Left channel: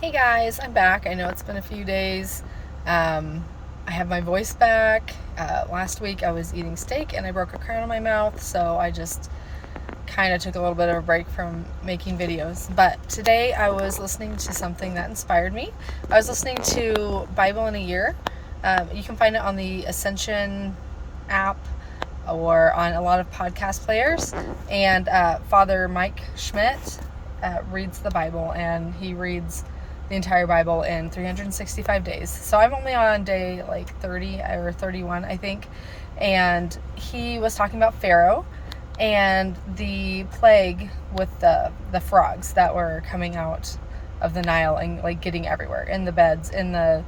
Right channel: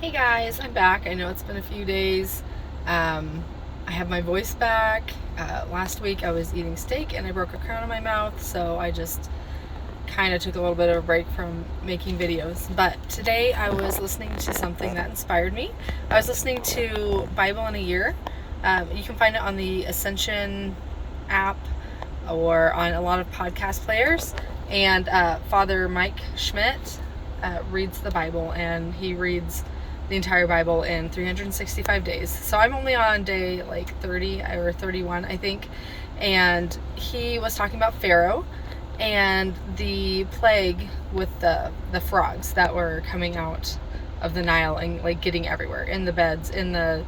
Hey guys, I'm back. I know it's been a few days. I have my voice back. Last week I was eating steak and I broke a crown in my mouth, so I just kind of took a little bit of a break from making videos. But today I was listening to something that inspired me. I was listening to Bible in a Year. You can find it on the Ascension app or on a lot of podcast players. And Father Mike Schmidt reads the Bible, and he reads the entire Bible in 365 days. So I'm only on day like 30 or 31, I think. And he was talking about Pharaoh and the plague with the frogs that were coming out of the Nile and like getting everywhere, in the beds, in the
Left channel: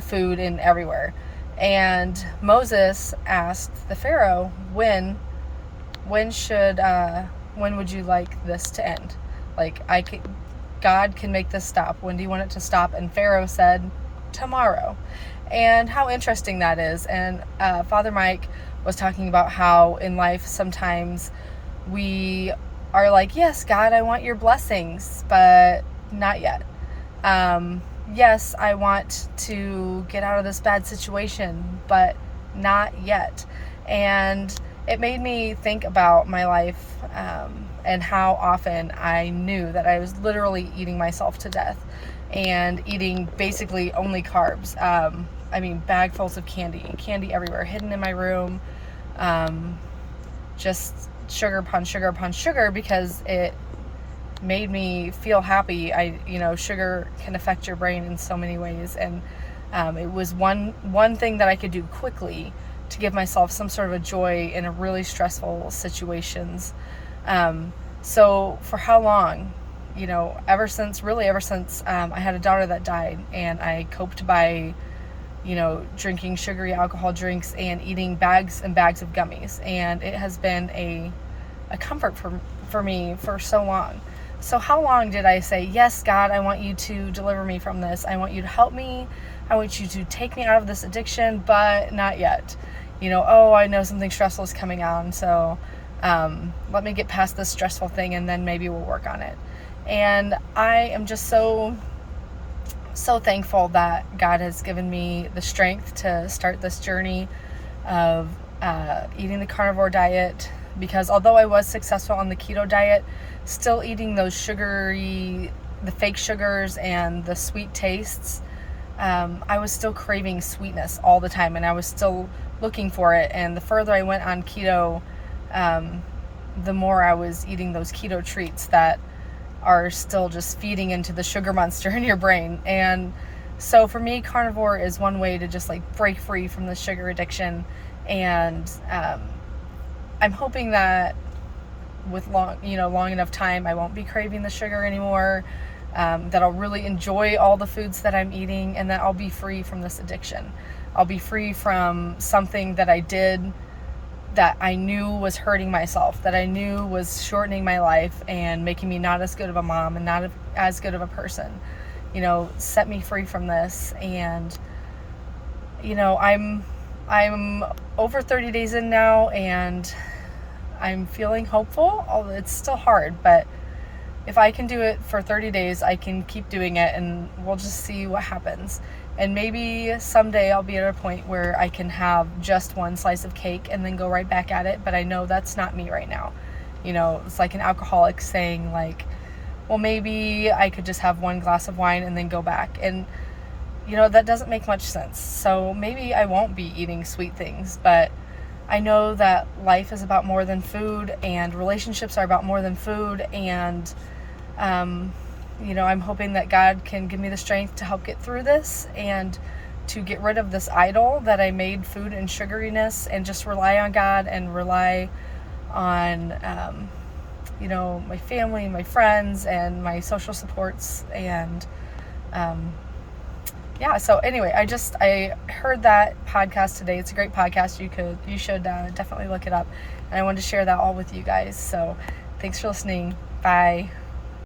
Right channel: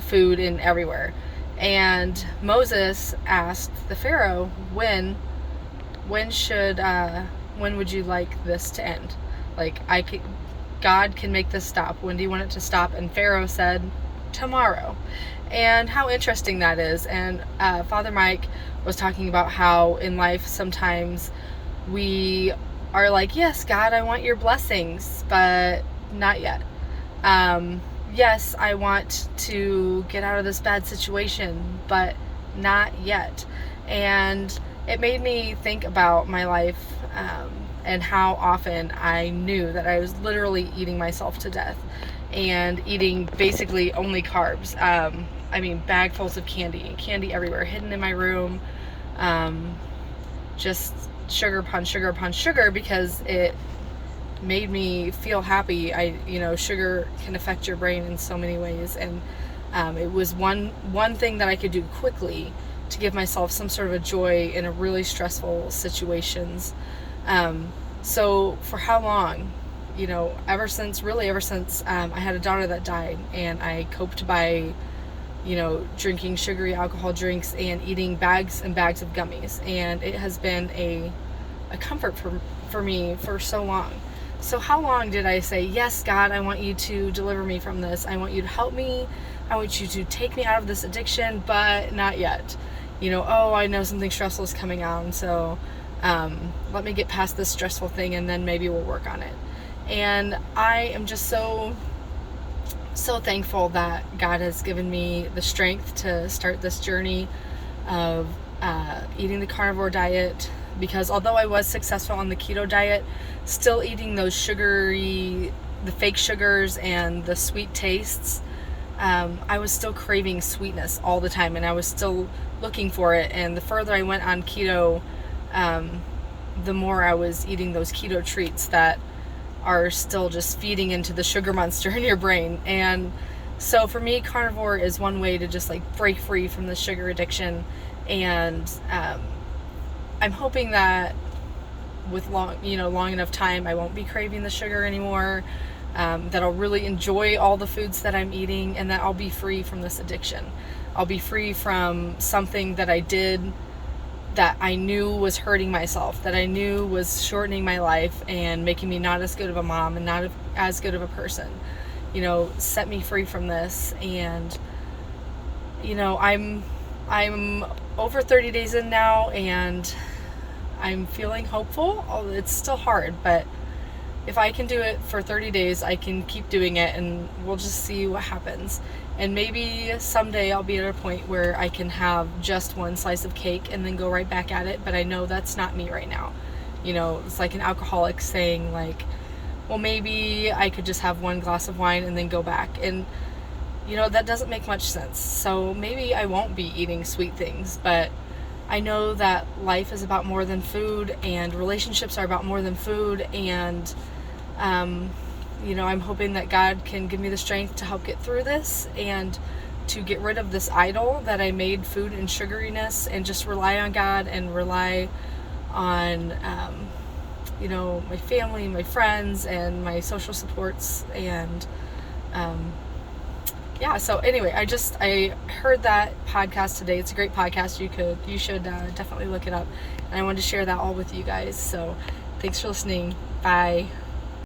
food, and everywhere. And Moses asked the Pharaoh, when would you like this to end? Like, God can make this stop. When do you want it to stop? And Pharaoh said, tomorrow. And how interesting that is. And Father Mike was talking about how in life sometimes we are like, yes, God, I want your blessings, but not yet. Yes, I want to get out of this bad situation, but not yet. And it made me think about my life, and how often I knew that I was literally eating myself to death and eating basically only carbs. Bagfuls of candy everywhere, hidden in my room. Just sugar upon sugar upon sugar, because it made me feel happy. Sugar can affect your brain in so many ways, and it was one thing that I could do quickly to give myself some sort of a joy in a really stressful situations. So for how long? Ever since I had a daughter that died, and I coped by drinking sugary alcohol drinks and eating bags and bags of gummies, and it has been a comfort for me for so long. So how long did I say, yes, God, I want you to deliver me from this. I want you to help me. I want you to take me out of this addiction, but not yet. I know something stressful is coming on, so let me get past this stressful thing, and then maybe we'll work on it. And I am just so thankful that God has given me the strength to start this journey of eating the carnivore diet, because although I was successful on the keto diet, still eating those the fake sugars and the sweet tastes, I was still craving sweetness all the time, and I was still looking for it. And the further I went on keto, the more I was eating those keto treats that are still just feeding into the sugar monster in your brain. And so for me, carnivore is one way to just like break free from the sugar addiction. And I'm hoping that with long enough time, I won't be craving the sugar anymore, that I'll really enjoy all the foods that I'm eating, and that I'll be free from this addiction. I'll be free from something that I did that I knew was hurting myself, that I knew was shortening my life and making me not as good of a mom and not as good of a person. Set me free from this. And I'm over 30 days in now, and I'm feeling hopeful. It's still hard, but if I can do it for 30 days, I can keep doing it, and we'll just see what happens. And maybe someday I'll be at a point where I can have just one slice of cake and then go right back at it, but I know that's not me right now. It's like an alcoholic saying, like, well, maybe I could just have one glass of wine and then go back. And that doesn't make much sense. So maybe I won't be eating sweet things, but I know that life is about more than food, and relationships are about more than food. And I'm hoping that God can give me the strength to help get through this, and to get rid of this idol that I made food and sugariness, and just rely on God and rely on my family, my friends, and my social supports. And so anyway, I heard that podcast today. It's a great podcast. You should definitely look it up. And I wanted to share that all with you guys. So thanks for listening. Bye.